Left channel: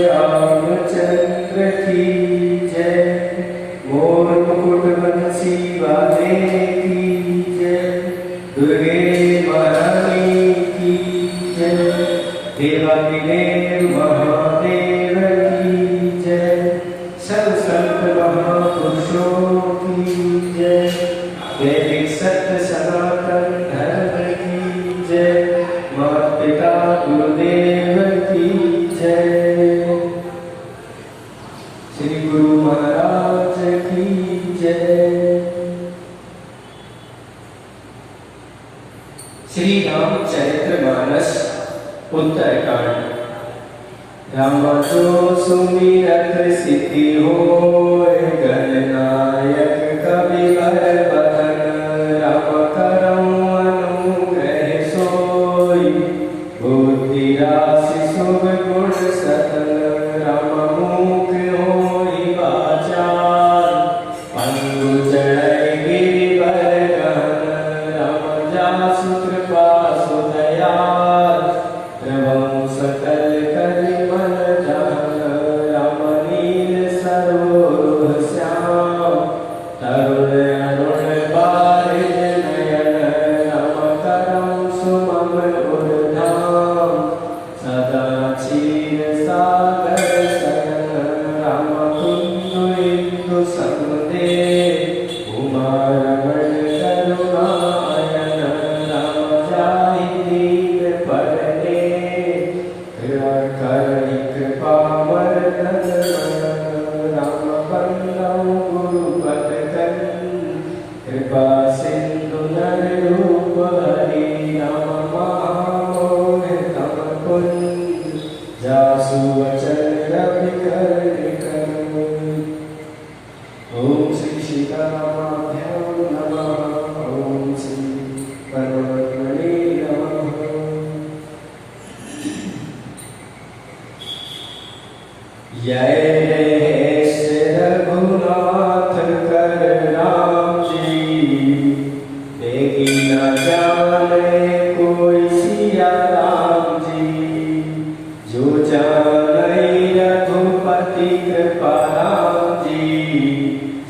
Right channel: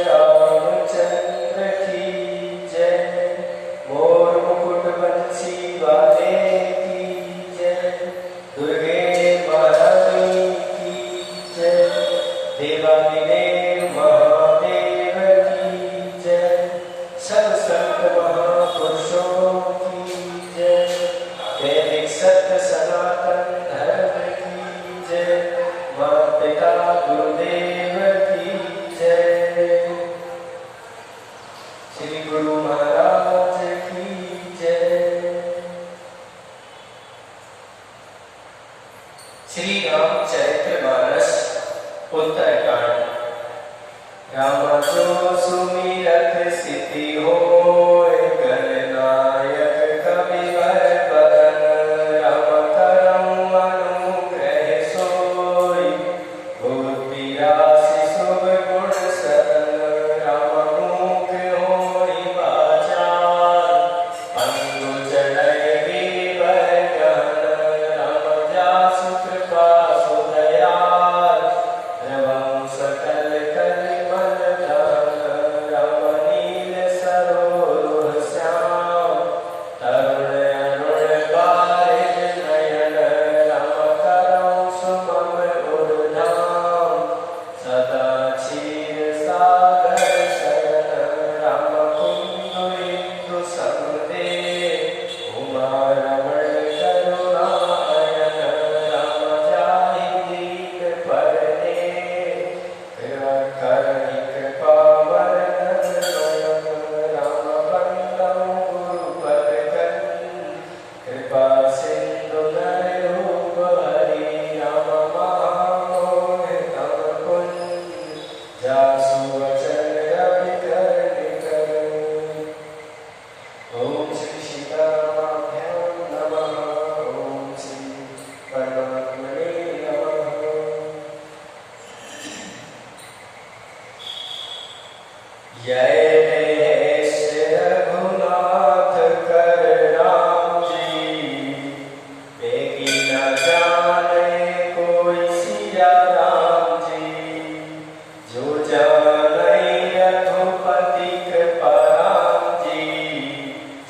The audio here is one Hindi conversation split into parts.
रामचंद्र की जय। मोर मुकुट बंसी वाले की जय। दुर्गे महारानी की जय। देवादिदेव महादेव की जय। सब संत महापुरुषों की जय। वैदिक सत्य सनातन धर्म की जय। माता पिता गुरुदेव की जय। श्री गुरु महाराज की जय। श्री रामचरितमानस उत्तरकांड। रामा जो सुमिरत सिद्धि होय, गणनायक कविवर बदन। राम करम अनुग्रह सोई, बुद्धि राशि शुभ गुण सतन। राम मुख होई वाचाल, पंगु चढ़ै गिरिवर गहन। राम जासु कृपा सुदयाल, प्रभु सकल करि मन जान। राम नील सरोज श्याम, तरुण अरुण बारिज नयन। राम करम सुमम उद्धाम, सदा क्षीर सागर शरण। राम कुंद इंदु समुदेव, उमा रमण करुणा अयन। राम जाहि दीन परने, करहि कृपा मर्दन मन। राम बंदौ गुरुपद कन, कृपा सिंधु नर रूप हरि। राम महामोह तम कुंज, जासु वचन रवि कर निकर। ओम श्री सीतारामाभ्यां नमः। ओम श्री परमात्मने नमः। जय रघुनाथ कर राम जी, बेगी न जाने कोई सिया राम जी। जो जानै रघुपति कृपा राम जी,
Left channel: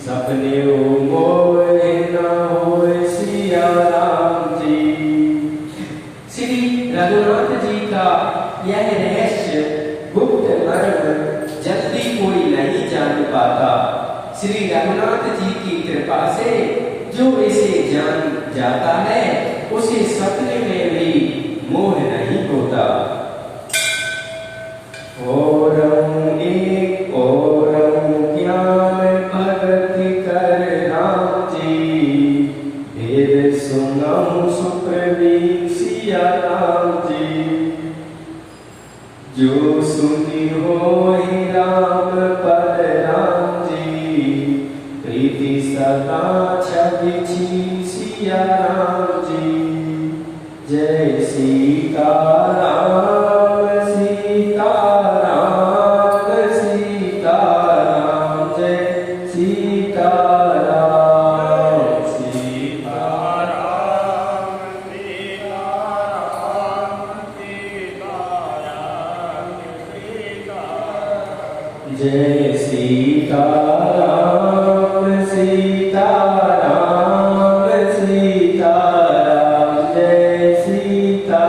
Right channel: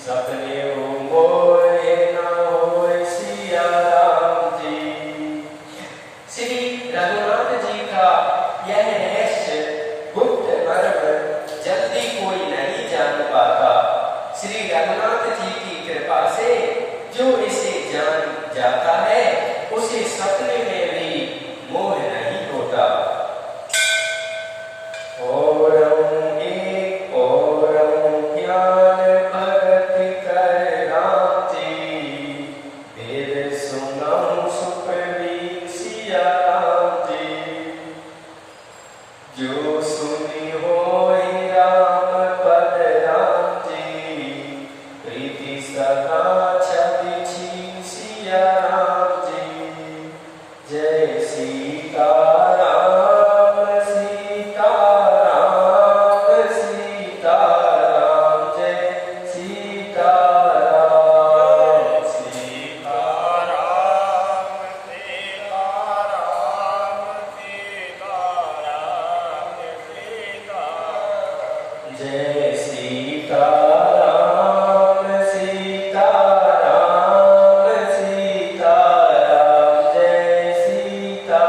सपने मोहे न होय सिया राम जी। श्री रघुनाथ जी का यह रहस्य गुप्त मर्म जल्दी कोई नहीं जान पाता। श्री रघुनाथ जी की कृपा से जो इसे जान जाता है, उसे सपने में भी मोह नहीं होता। ओरम एक ओरम ज्ञान भक्ति कर राम जी, वेद सुनम सुप्रवीण सिया राम जी। जो सुनी होय राम पद राम जी, प्रीति सदा छवि छी सिया राम जी। जय सीताराम सीताराम सीताराम। जय सीताराम सीताराम सीताराम। जय सीताराम सीताराम सीताराम। जय सीताराम।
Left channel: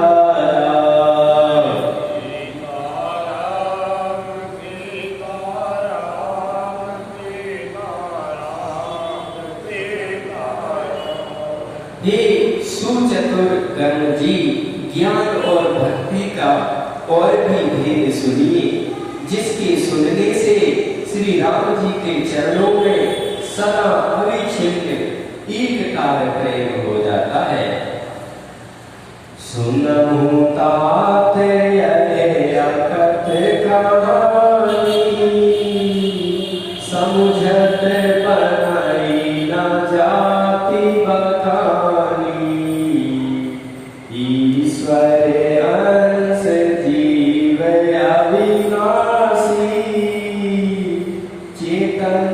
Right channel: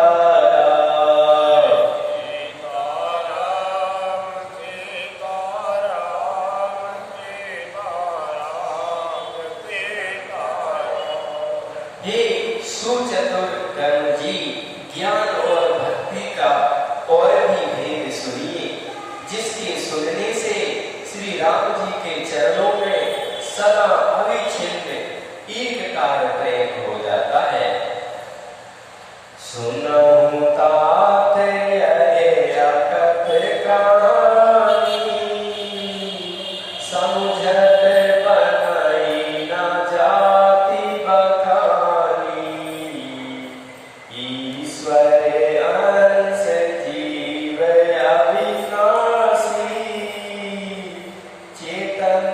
हे सुचतुर कर्म जी, ज्ञान और भक्ति का और भी भेद सुनिए, जिसके सुनने से श्री राम जी के चरणों में सदा अविच्छिन्न एक कार प्रेम हो जाता है। सुनहु तात यह अकथ कहानी, समुझत बनाई न जाति बखानी। ईश्वर अंश जीव अविनाशी, चेतन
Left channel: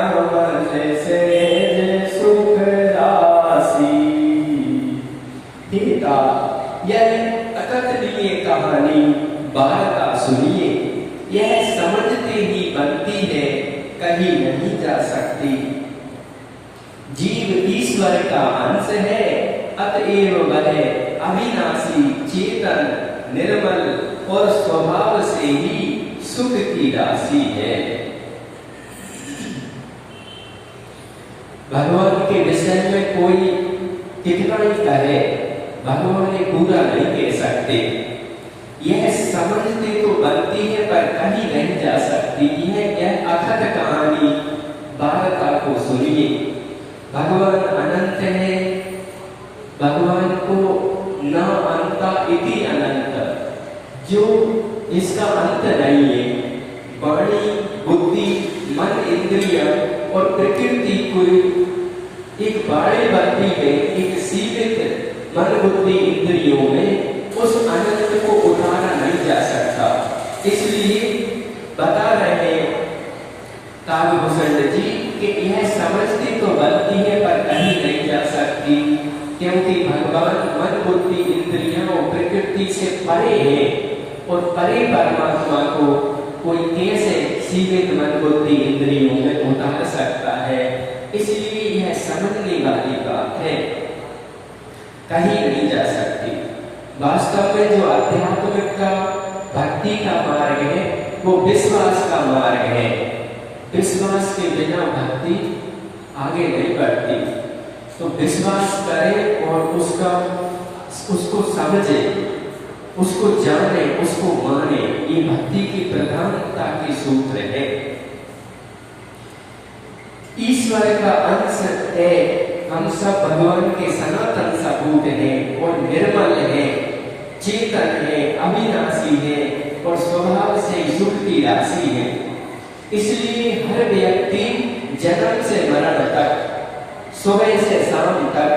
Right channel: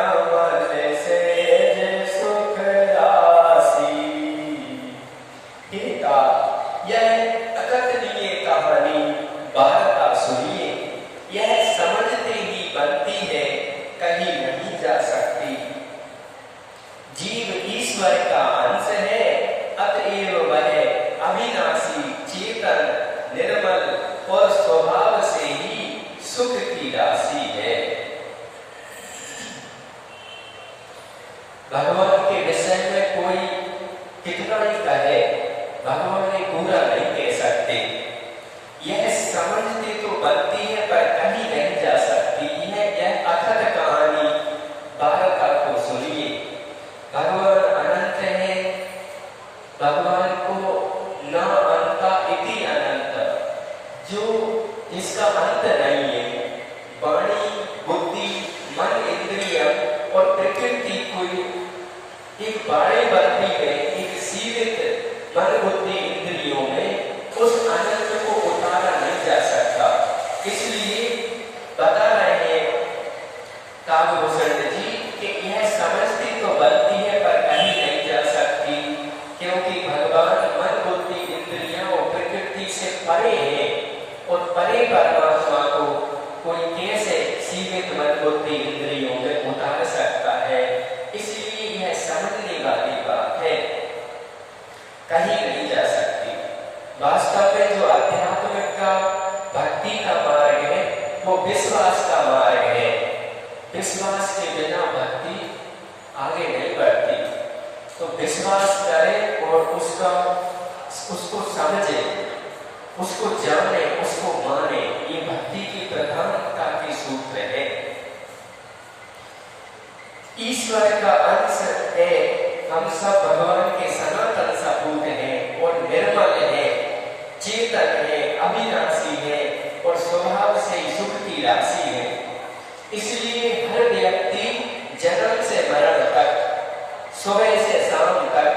अमर सेज सुख राशि। यह अकथनीय कहानी वार्ता सुनी। सुनिए, यह समझते ही बनती है, कहीं नहीं जा सकती। जीव ईश्वर का अंश है, अतएव वह अविनाशी, चेतन, निर्मल और स्वभाव से ही सुख की राशि है। भगवान के विषय में कोई कितना ही कहे, भगवान ने पूरा नहीं कह सकते। यह समझते तो बनती है पर कहीं नहीं जा सकती। यह अथक कहानी वार्ता को सुनिए। भगवान अनंत है, भगवान को न अंता इति अनंत, जो इसका अंत नहीं है। वाणी, बुद्धि, मन, इंद्रिय और प्रकृति कोई एक बाड़े बंदी में, एक सीमित मन, बुद्धि, इंद्रियों में उस अनंत को उठाना नहीं जा सकता। इसलिए बता रहे काव्यभूषण जी कि यह समझती तो बनती है पर कहीं नहीं जा सकती, क्योंकि भगवान मन, बुद्धि, इंद्रियों और प्रकृति से परे है और परे परमात्मा को कोई कैसे सीमित मन, बुद्धि, इंद्रियों में उतार सकता है। इसलिए यह समझने वाली बात है, कहीं नहीं जा सकती। वास्तव में जो आध्यात्मिक का, भक्ति का मार्ग है वो विश्वास का मार्ग है। विश्वास के बिना भक्ति आगे नहीं बढ़ती। तो विश्वास करें और उसको समझे, उसको जाने, उसको माने, ये भक्ति की प्रधानता की सूत्र है। ईश्वर का अंश है, हम सब भगवान के सनातन सपूत हैं और निर्मल है, चेतन है, अविनाशी है और स्वभाव से सुख की राशि है। इसलिए हर व्यक्ति जन्म से मरण तक, सुबह से शाम तक,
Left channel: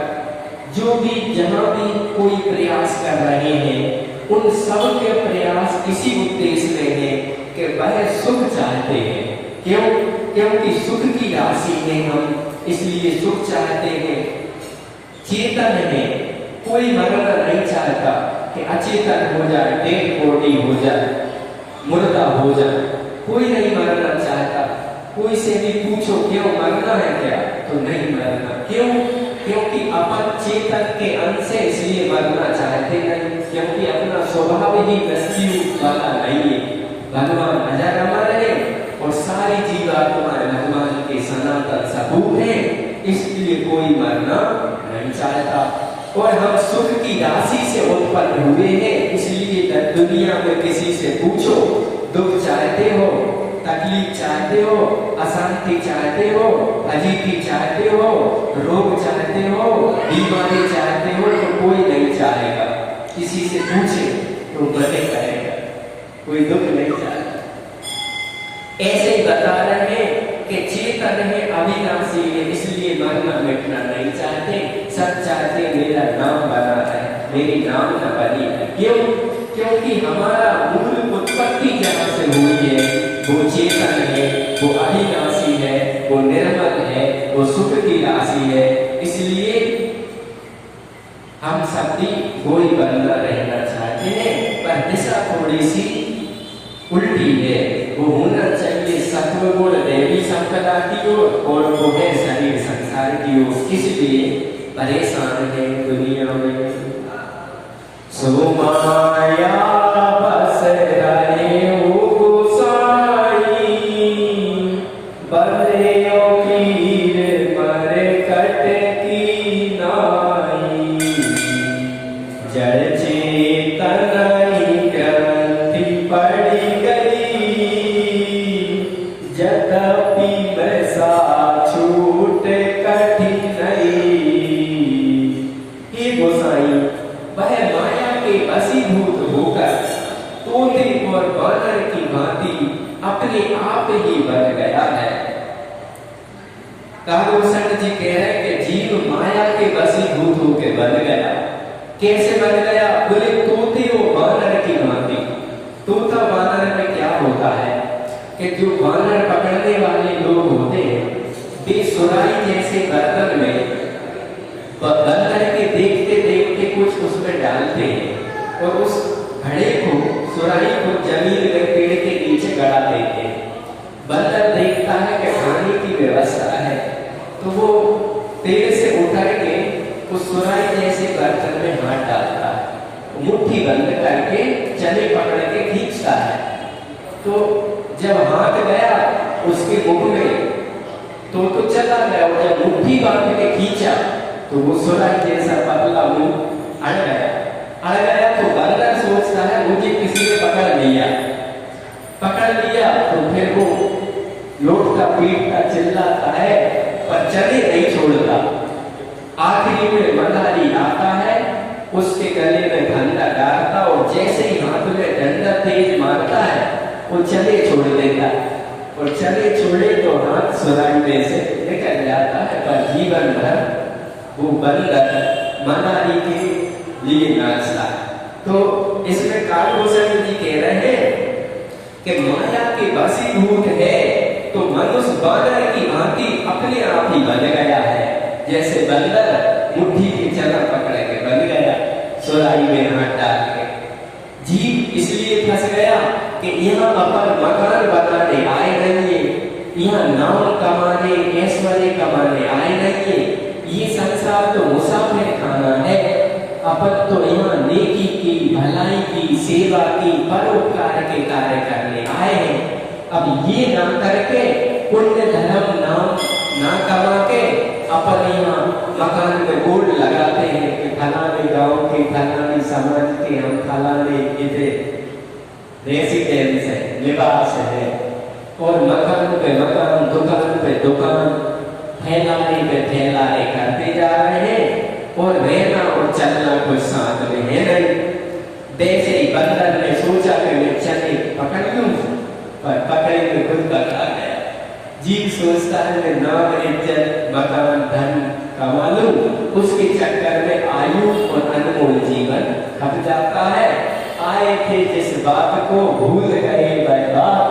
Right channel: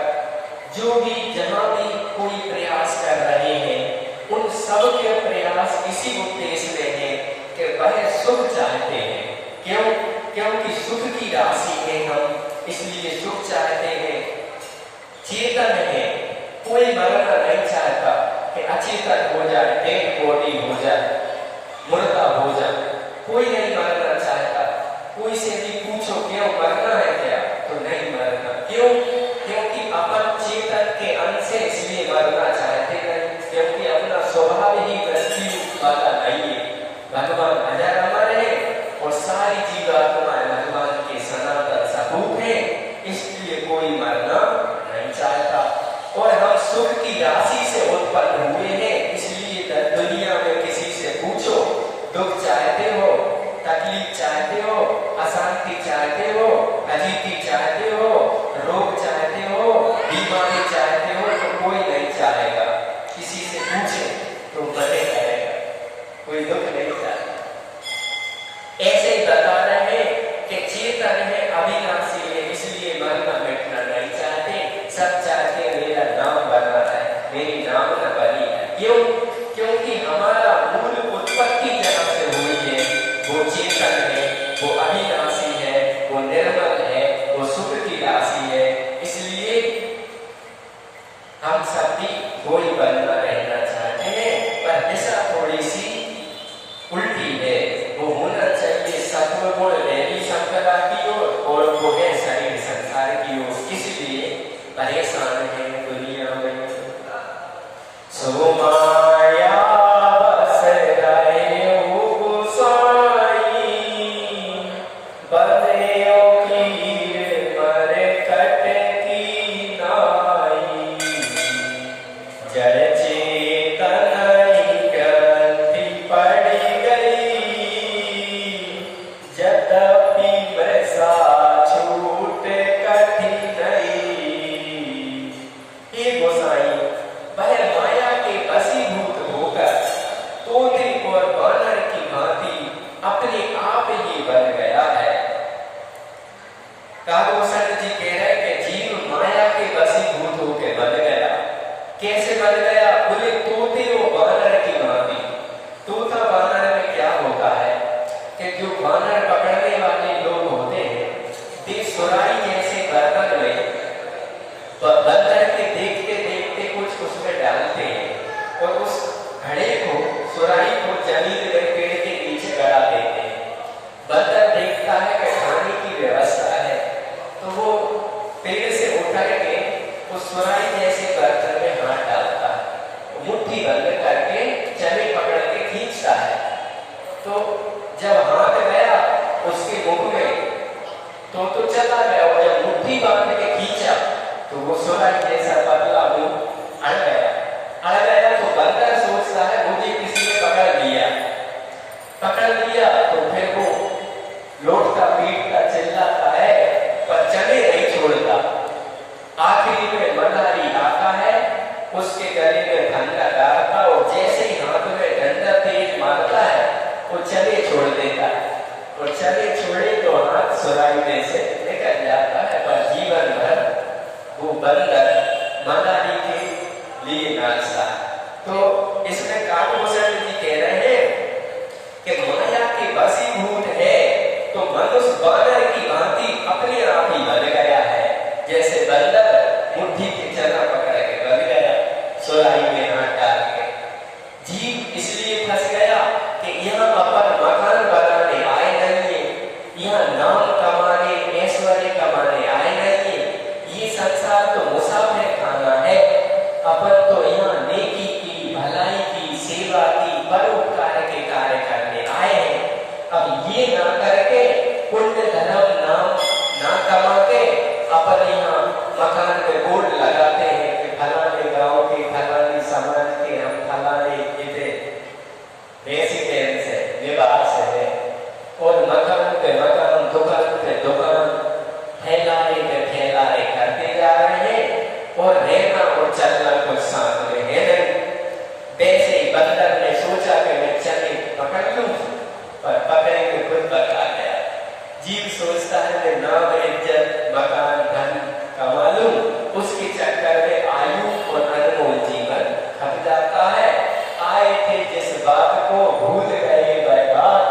जो भी जहां भी कोई प्रयास कर रहे हैं, उन सब के प्रयास इसी उद्देश्य में है कि वह सुख चाहते हैं। क्यों? क्योंकि सुख की राशि में हम, इसलिए सुख चाहते हैं। चेतन है, कोई मरना नहीं चाहता कि अचेतन हो जाए, डेड बॉडी हो जाए, मुर्दा हो जाए, कोई नहीं मरना चाहता। कोई से भी पूछो क्यों मरना है क्या, तो नहीं मरना। क्यों? क्योंकि अपन चेतन के अंश से इसलिए मरना चाहते नहीं, क्योंकि अपना स्वभाव ही मृत्यु वाला नहीं है। भगवान अजर अमर है और सारी जीवात्माएं भगवान के सनातन सपूत है, इसलिए कोई मरना नहीं चाहता। और हम सुख की राशि से उत्पन्न हुए हैं, इसलिए दुनिया में किसी से पूछो, दुख चाहते हो, तकलीफ चाहते हो, अशांति चाहते हो, अजीती चाहते हो, रोग चाहते हो, बीमारी चाहते हो, तो कोई नहीं चाहेगा। किसी से पूछे तो बने कहेगा, कोई दुख नहीं चाहेगा। ऐसे ही बता रहे हैं कि चेतन है, अविनाशी है, इसलिए मरना मिटना नहीं चाहते। सब चाहते मेरा नाम बना है, मेरी नाम न बनी है। क्यों? क्योंकि हमारा मूल उत्पत्ति जहां से हुई है वो चेतन है, वो अविनाशी है, वो निर्मल है, वो सुख की राशि है। इसलिए हम सब भी वही बनना रहना चाहते हैं, पर दिशा थोड़ी सी उल्टी है। वो होना चाहिए सत्व गुण दैवी संपदा की ओर, और वो है शरीर संसार की ओर। इसलिए परेशान है दुनिया में। सो माया बस रहे हो गोसाई, बंधनियों की मर कटती नाई। जड़ चेतन ग्रंथि पड़ी गई, यद्यपि बरसा छूट कठिन नहीं। हे गोसाई, वह माया के वशीभूत होकर तोते और बानर की भांति अपने आप ही बन गया है। काव्यभूषण जी कह रहे हैं कि जीव माया के वशीभूत होकर बन गया। कैसे बन गया? बोले तोते और बानर की भांति। तोता बानर में क्या होता है कि जो बानर पकड़ने वाले लोग होते हैं, वे सुराई जैसे बर्तन में बंदर के देखते देखते कुछ उसमें डालते हैं और उस घड़े को सुराही को जमीन में पेड़ के नीचे गड़ा देते हैं। बंदर देखता है कि खाने की व्यवस्था है, तो वो पेड़ से उतर के उस सुराही जैसे बर्तन में हाथ डालता है, मुट्ठी बंद करके चने पकड़ के खींचता है। तो जब हाथ गया उसके मुख में तो चला गया, और जब मुट्ठी बांध के खींचा तो वो सुराही जैसा पतला मुंह अड़ गया। तो बंदर सोचता है मुझे किसी ने पकड़ लिया, तो फिर वो लौटता पीटता चिल्लाता है, पर चने नहीं छोड़ता। आखिरी में मदारी आता है, उसके गले में डंडा डालता, और जैसे ही हाथ में डंडा तेज मारता है वो चने छोड़ देता है, और चने छोड़े तो हाथ सुराही में से निकल जाता है। पर जीवन भर वो बंदर मदारी के लिए नाचता। तो इसमें कालभूषण जी कह रहे हैं कि माया के वशीभूत है तो मनुष्य बानर की भांति अपने आप ही बन गया है। जैसे बंदर मुट्ठी की चना पकड़ के बन गया सुराही में हाथ डाल के। जीव इसलिए फंस गया कि यहाँ अपन मकान बनाने आए नहीं है, यहाँ नाम कमाने ऐश्वर्य कमाने आए नहीं है, ये संसार तो मुसाफिर खाना है। अपन तो यहाँ नेकी की, भलाई की, सेवा की, परोपकार के कार्य करने आए हैं। अब ये ना करके पुण्य धर्म नाम ना कमा के अपन यहाँ मकान में बोर्ड लगाते हैं कि फलाने गांव के, फलाने समाज के हम फलाने इधर रेसिडेंस है, निवास है, और मकान पे मकान, दुकान पे दुकान, फैलाए पे फैलाए करते जा रहे हैं, और रहना और चलना कुछ साथ में है नहीं। वैसे ही बंदर ने सोचा कि मैं चने पकड़ लूं, पर पकड़े में खुद बता गया। जीव सोचता है मैं नाम इज्जत मकान धन कमा लूं, उसके चक्कर में आयु और अनमोल जीवन खप जाता है। आए थे जिस बात को भूल गए वह बात,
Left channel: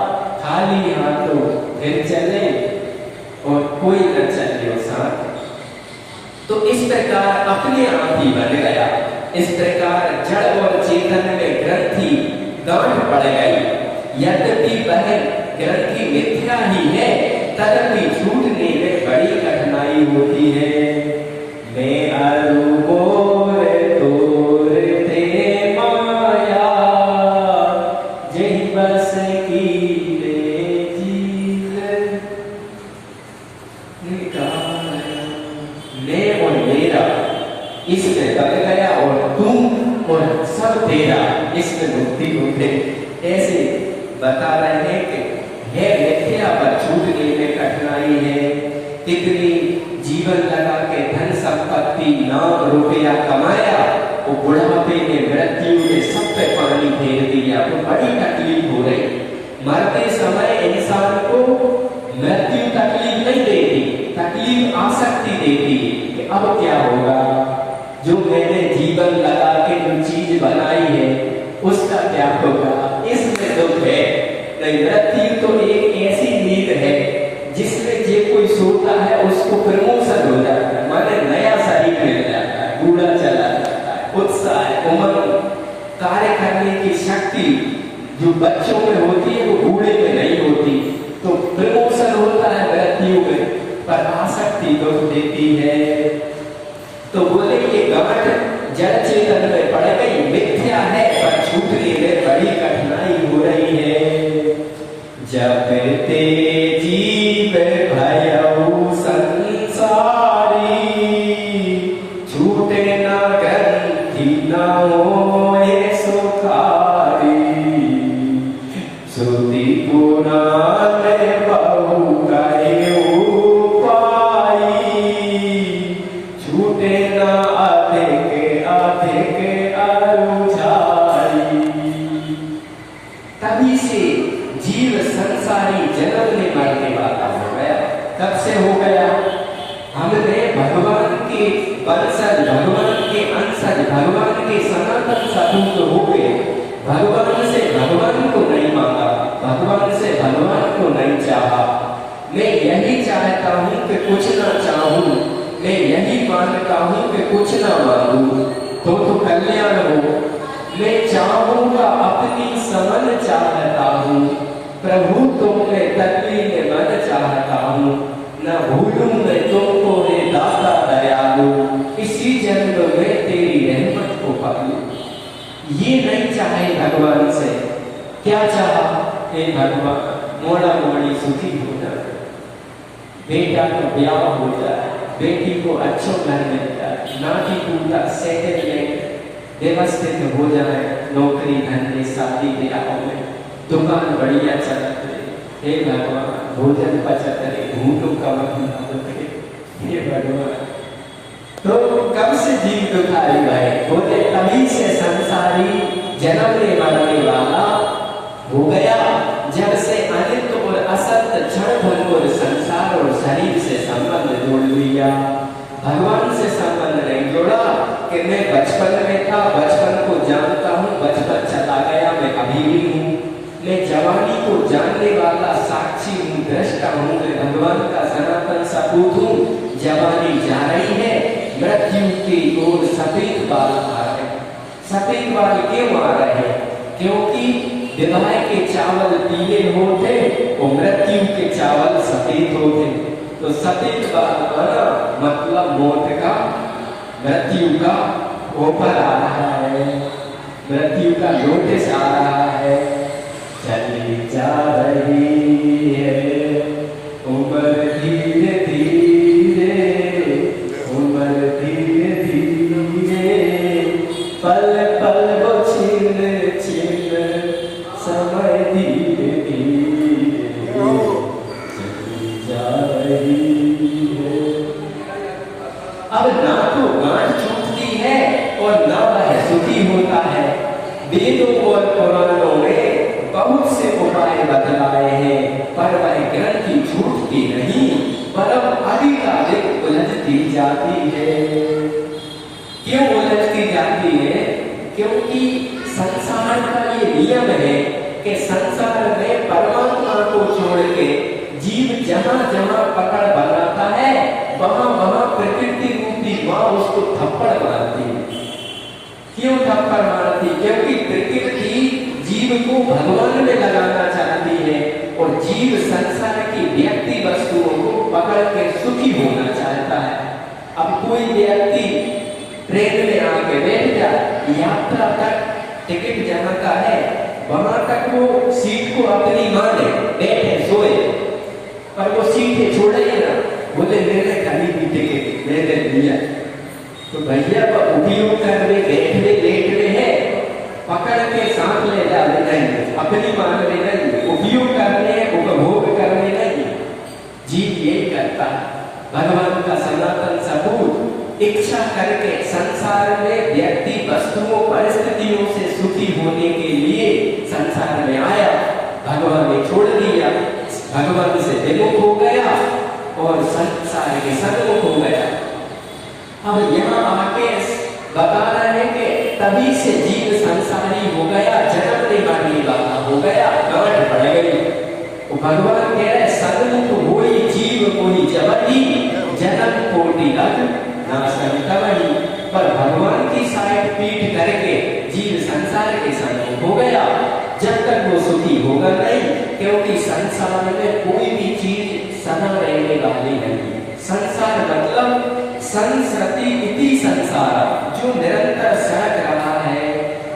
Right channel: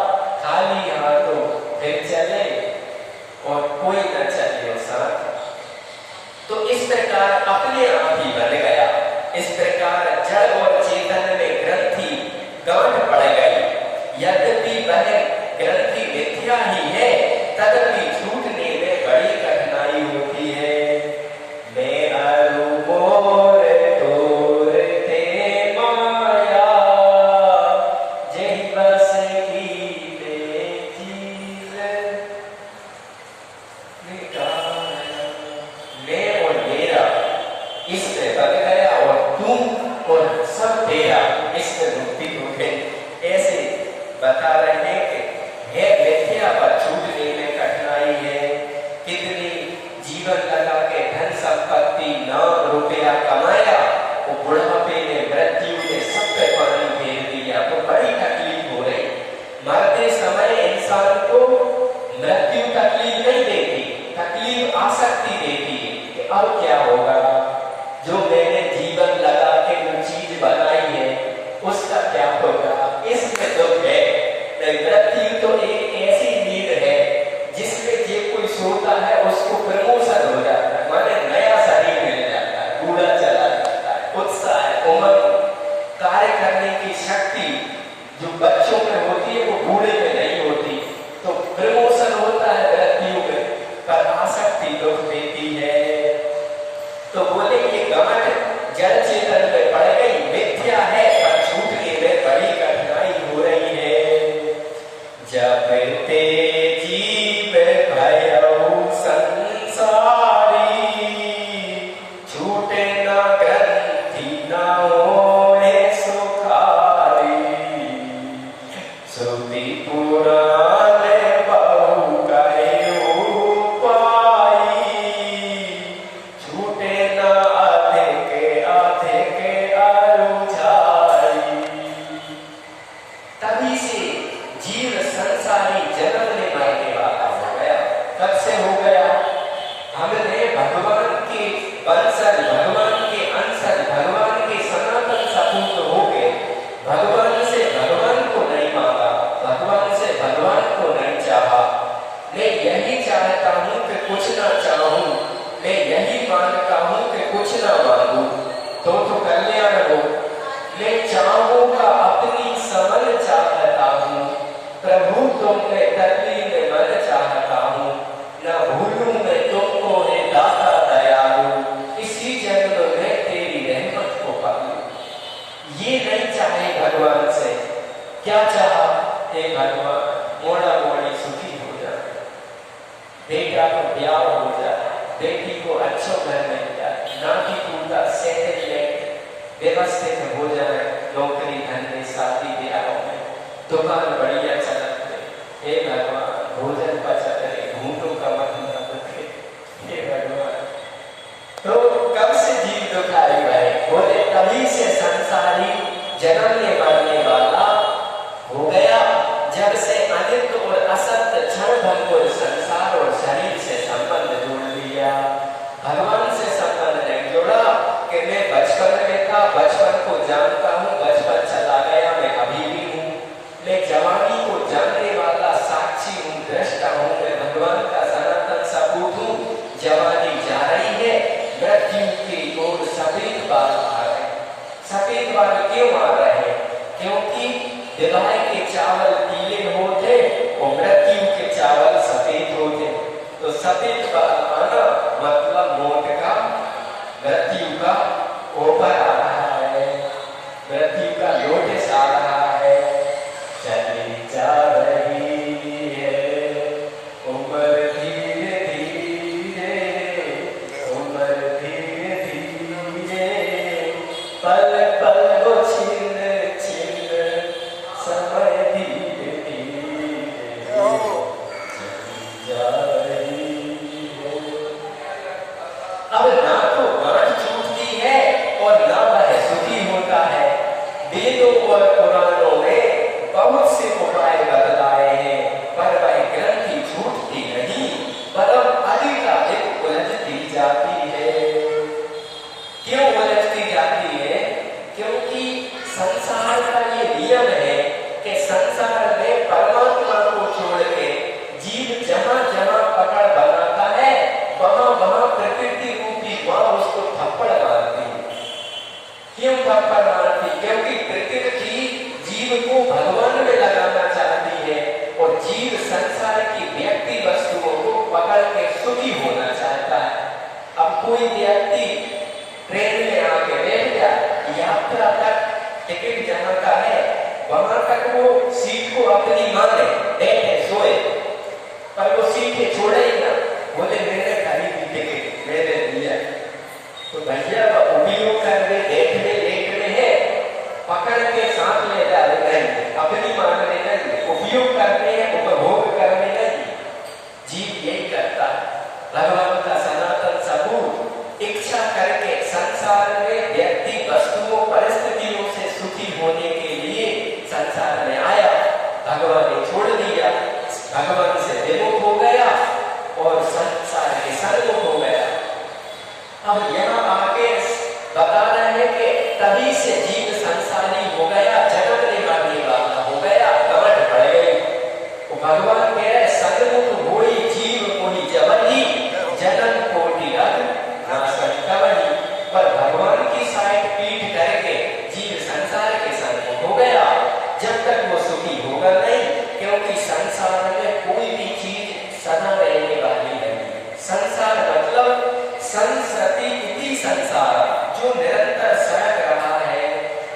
खाली हाथों फिर चले और कोई न चले साथ। तो इस प्रकार अपने आप ही बन गया। इस प्रकार जड़ और चेतन में ग्रंथि गांठ पड़ गई। यद्यपि वह ग्रंथि मिथ्या ही है, तदपि छूटने में बड़ी कठिनाई होती है। मैं अरूपोर तोर थे माया, जही बस की रे जील मैं और मेरा इसमें बग गया, और तुम और सब तेरा इसमें मुक्ति हो गई। ऐसे बता रहे हैं कि है मिथ्या पर छूटने में कठिनाई है। कितनी जीवन लगा के धन संपत्ति नाम रुपया कमाया, वो बुढ़ापे में मृत्यु ने सब पे पानी फेर दिया, तो बड़ी तकलीफ हो रही। मरते समय इंसान को मृत्यु तकलीफ नहीं देती, तकलीफ आसक्ति देती कि अब क्या होगा, जो मैंने जीवन लगा के जो चीज बनाई है उसका क्या होगा, इसमें दुख है। मृत्यु तो एक ऐसी नींद है जिसमें जे कोई सोता है उसको प्रमोशन हो जाता है, माने नया शरीर मिल जाता है, बूढ़ा चला जाता है, उत्साह उमंग कार्य करने की शक्ति जो बच्चों में होती है वो बूढ़े में नहीं होती। तो प्रमोशन होता है मृत्यु में, पर आसक्ति दुख देती है। तो बोले ये गांठ जड़ चेतन में पड़ गई, मिथ्या है पर छूटने में बड़ी कठिनाई हो रही है। जब ते जीव भयउ संसारी, छूटे ना ग्रंथि ना होए सुखारी, श्रुति पुराण बहु कयो पाई, छूटे ना आधे के अरुझाई। तभी से जीव संसारी जन्म में मरने वाला हो गया। कब से हो गया? हमने भगवान के वंशज, भगवान के अंशज, भगवान के सनातन सपूत हो गए। भगवान से भगवान को नहीं मांगा, भगवान से भगवान को नहीं चाहा। मैं यही चाहता हूँ कि कुछ ना चाहूं, मैं यही मांगता हूँ कि कुछ ना मांगू, तो कल्याण हो। मैं चाहूंगा अपनी समन चाहता हूँ, प्रभु तुमने तकलीफ में मन चाहता हूँ, न भूलूं मैं तुमको रे दाता दयालु, इसी जन्म में तेरी रहमत को पालूं। ये नहीं चाहे भगवान से, क्या चाहा? हे भगवान मोड़ा मोड़ी सुखी हो जाए, बेटा को ब्याह हो जाए, बेटी को अच्छो घर मिल जाए, नाती टूटा सेटलमेंट व्यवस्थित हो जाए, नौकरी धंधे शादी ब्याह में दुकान बढ़िया चलत रहे। हे भगवान भोजन बचत रहे, घूंटों का मत न उठे। हे भगवान तो कब से जीव दुखाई गए? बोले तभी से संसारी जन्मने मरने वाला हो गया, जब से अनित और असत क्षण भर को संसार और शरीर से संबंध जोड़ लिया। भगवान से संबंध नहीं जोड़ा कि मैं बचपन में था, बचपन को जानता हूँ, बचपन चला गया, मैं अभी भी हूँ, मैं जवानी को जानने वाला साक्षी हूँ, दृष्टा हूँ, मैं भगवान का सनातन सपूत हूँ। जवानी जा रही है, मृत्यु की ओर सफेद बाल आ रहे। सफेद बाल क्यों आ रहे? क्योंकि विवाह के चावल पीले होते और मृत्यु के चावल सफेद होते। तो सफेद बाल आना मतलब मौत का, मृत्यु का ऊपर आ रहा है, मृत्यु का नोटिस आ रहा है। चली जा रही है उम्र धीरे धीरे, उम्र धीरे धीरे, पल पल वो छीन छीन, समय धीरे धीरे चली जा रही है। अब ना तो गांठ छूटती है और ना वह सुखी होता है। वेदों और पुराणों में बहुत से उपाय बतलाए हैं, पर वह ग्रंथि छूटती नहीं, परम अधिकाधिक उलझती जाती है। क्यों उलझती जाती है? क्योंकि संसार का ये नियम है कि संसार में परमात्मा को छोड़ के जीव जहां जहां पकड़ बनाता है, वहां वहां प्रकृति रूपी मां उसको थप्पड़ मारती है। क्यों थप्पड़ मारती? क्योंकि प्रकृति जीव को भगवान में लगाना चाहती है और जीव संसार की व्यक्ति वस्तुओं को पकड़ के सुखी होना चाहता है। अब कोई व्यक्ति ट्रेन में आके बैठ जाए, यात्रा तक टिकट जमा का है, वहां तक वो सीट को अपनी माने, बैठे सोए, पर वो सीटें छोड़े ही ना। बोले मैंने खरीदी टिकट, मैंने दिया, तो भैया वो उपयोग करने बैठने लेट रहे हैं, पकड़ के साथ ले जा रहे हैं, अपनी मान में नहीं, उपयोग करने उपभोग करने नहीं। जीव यही करता है। भगवान का सनातन सपूत इच्छा करके संसार में व्यक्ति वस्तुओं परिस्थितियों से सुखी होने के लिए संसार में आया, भगवान ने छोड़ दिया, भगवान से विमुख हो गया और संसार के सन्मुख हो गया। अब यहाँ आके बता रहे हैं कि तभी से जीव संसारी हो गया, जन्मने मरने वाला हो गया, गांठ बढ़ गई। तो भगवान कह रहे सन्मुख होई जीव कोई जबरी, जन्म कोटि रग नाशन कबरी। पर भगवान की साइड पीठ करके जीव संसार के सन्मुख हो गया, जब तक वो सुखी होगा नहीं, क्योंकि संसार में कोई भी चीज सदा रहने वाली नहीं। संसार मतलब संसृति इति संसार, जो निरंतर सहक रहा है,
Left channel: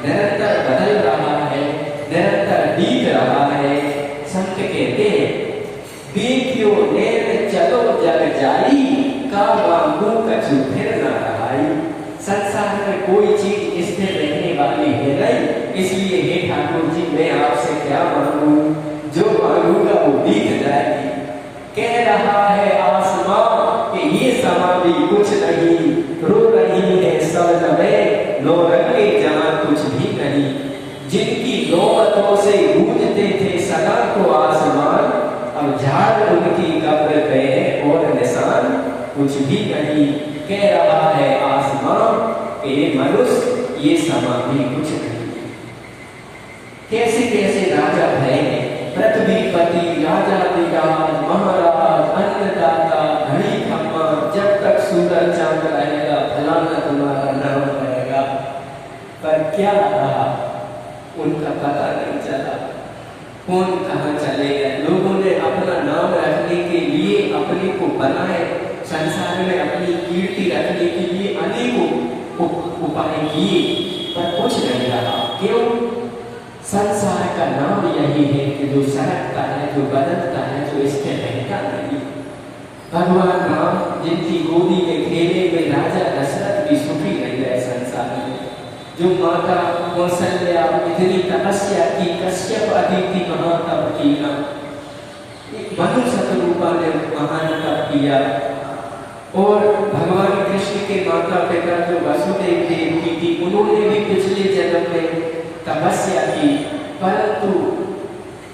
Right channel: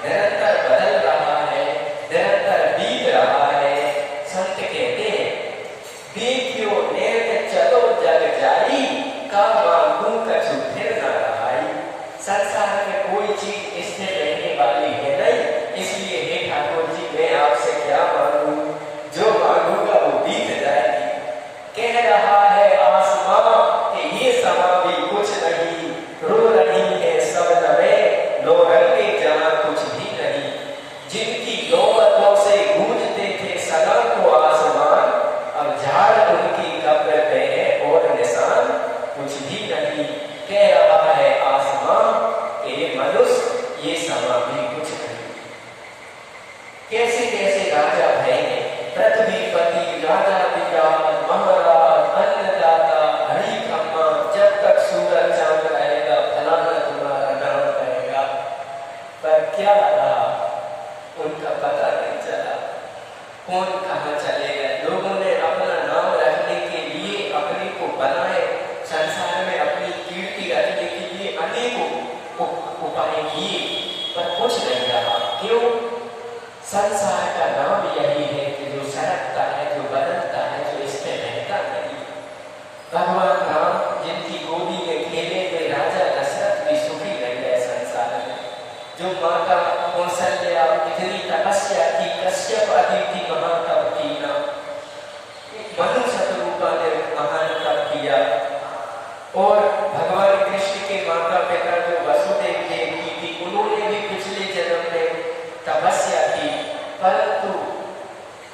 निरंतर बदल रहा है, निरंतर बीत रहा है। संत कहते हैं देखियो नेत्र चलो जग जाई, का मांगू कछु फिर न रहाई। संसार में कोई चीज स्थिर रहने वाली है नहीं, इसलिए हे ठाकुर जी मैं आपसे क्या मांगू, जो मांगूंगा वो बीत जाएगी। कह रहा है आसमां कि ये समा भी कुछ नहीं, रो रही है सब नवें लो रंगे जहां कुछ भी नहीं। जिनकी नौबतों से गूंजते थे सदा को आसमान, अब झाड़ उनकी कब्र पे है और निशान कुछ भी नहीं। कह रहा है आसमां कि मनुष्य ये समा भी कुछ नहीं। कैसे कैसे राजा भरेंगे, पृथ्वीपति, राजा विराज, महाराज, अन्नदाता, घड़ी खम्मा, जब तक सूरज चांद रहेगा फलाना तुम्हारा नाम रहेगा। पर क्या रहा उनका पता नहीं चला। कहाँ चले गए। लोगों ने अपना नाम रखने के लिए अपने को बनाए, संसार में अपनी कीर्ति रखने के लिए अनेकों उपाय किए, पर कुछ नहीं रहा। क्यों? संसार का नाम यही है कि जो सरकता है, जो बदलता है, जो इसके रहता नहीं। भगवान राम जिनकी गोदी में खेले में राजा दशरथ भी सुखी नहीं रहे संसार में। जो माता कौशल्या इतनी तपस्या की, कश्यप अदिति महातप कीना, मनु शतरूपा ने महान तप किया, और भगवान कृष्ण के माता पिता जो वसुदेव देवकी थी, उन्होंने भी पिछले जन्म में तपस्या की, परंतु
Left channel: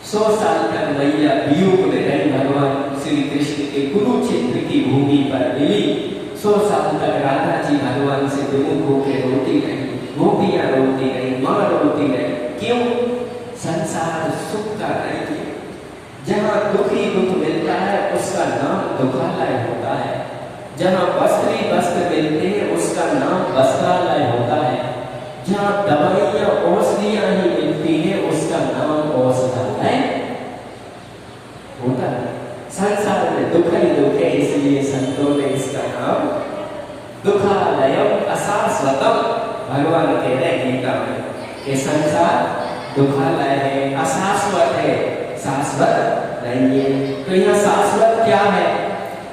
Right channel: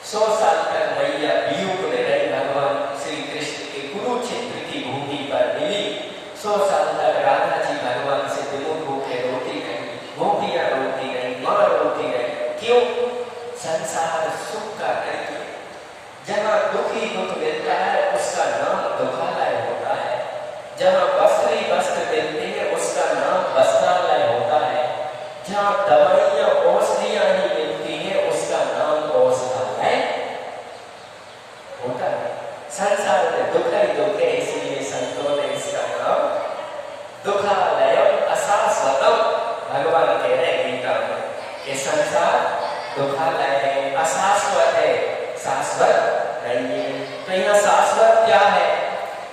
100 साल तक मैया वियोग में रही। भगवान श्री कृष्ण के कुरुक्षेत्र की भूमि पर मिली। 100 साल तक राधा जी भगवान से विमुख होकर रोती गई, गोपियां रोती गई, मां रोती गई। क्यों? संसार सुख का नहीं है। जहाँ दुखी दुख मिलता है उसका नाम दुखालय होता है। जहाँ वस्त्र ही वस्त्र मिलते हैं उसका नाम वस्त्रालय होता है। जहाँ दवाइयाँ औषधियाँ ही मिलती हैं उसका नाम औषधालय होता है। संसार में दुख ही दुख है, इसलिए संतों ने इसका नाम दुखालयम अशाश्वतम, भगवान कह रहे गीता में कि संसार दुखालय है, अशाश्वत है, शाश्वत नहीं है। तो यहाँ शाश्वत क्या है?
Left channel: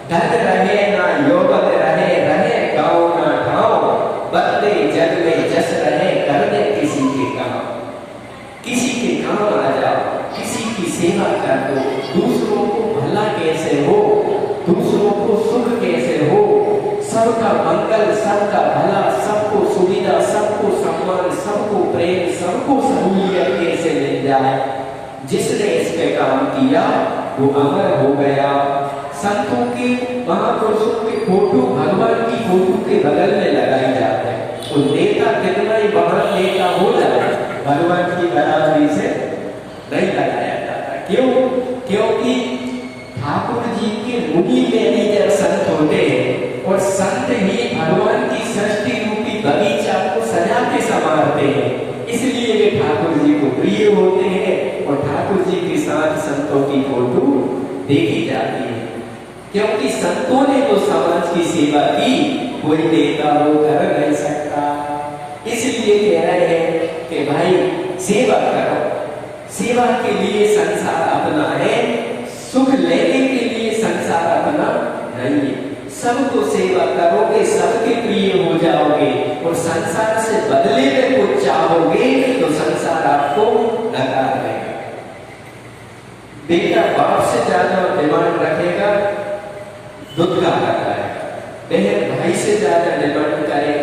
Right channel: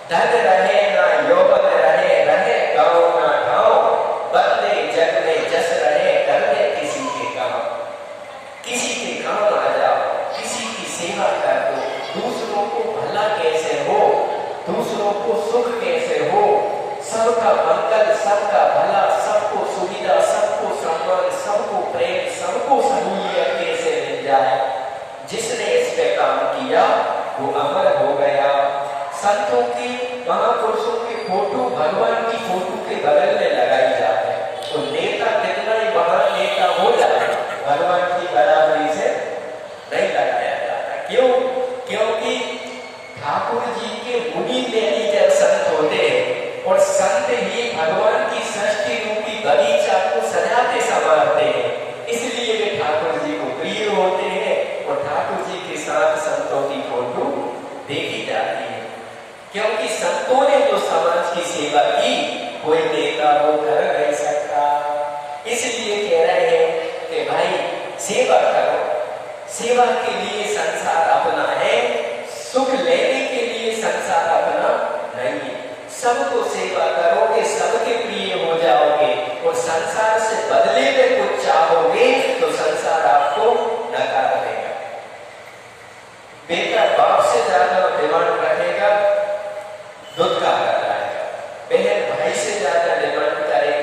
धन रहे ना यौवन रहे, रहे गाँव ना गाँव, बदले जग में जस रहे, कर दे किसी के काम। किसी के काम आ जाओ, किसी की सेवा कर दो, दूसरों को भला कैसे हो, दूसरों को सुख कैसे हो, सबका मंगल, सबका भला, सबको सुविधा, सबको सम्मान, सबको प्रेम, सबको सहूलियत कैसे मिल जाए। जिसने इस पे काम किया वो अमर हो गया। संतों की, महापुरुषों की फोटो भगवान की फोटो के बगल में लगाई जाती है। तो नेता कितना ही महान नेता हो जाए, भगवान की बराबरी से नहीं लगाया जाता। क्यों? क्योंकि ठाकुर जी के मुनि में ही जब संत होते हैं, और संत ही भगवान की सृष्टि रूपी बगीचा को सजाते संवारते हैं, इसलिए वे ठाकुर जी को प्रिय होते हैं, और ठाकुर जी के साथ संतों की फोटो देखी जाती है। क्योंकि संतों ने जो समाज की सेवा की, कोई नेता वो कर नहीं सकता। इसलिए कह रहे हैं कि भाई सेवा करो। सेवा के लिए संसार अपना है, सुख लेने के लिए संसार अपना नहीं है। सबको सेवा करोगे, सबके प्रिय हो जाओगे, और संसार से बदले में कुछ चाहोगे तो संसार आपको नकार देगा। बेटा बाप से ज्यादा डिमांड रखेगा, दूध का करता है। बहन भाई से ज्यादा डिमांड करे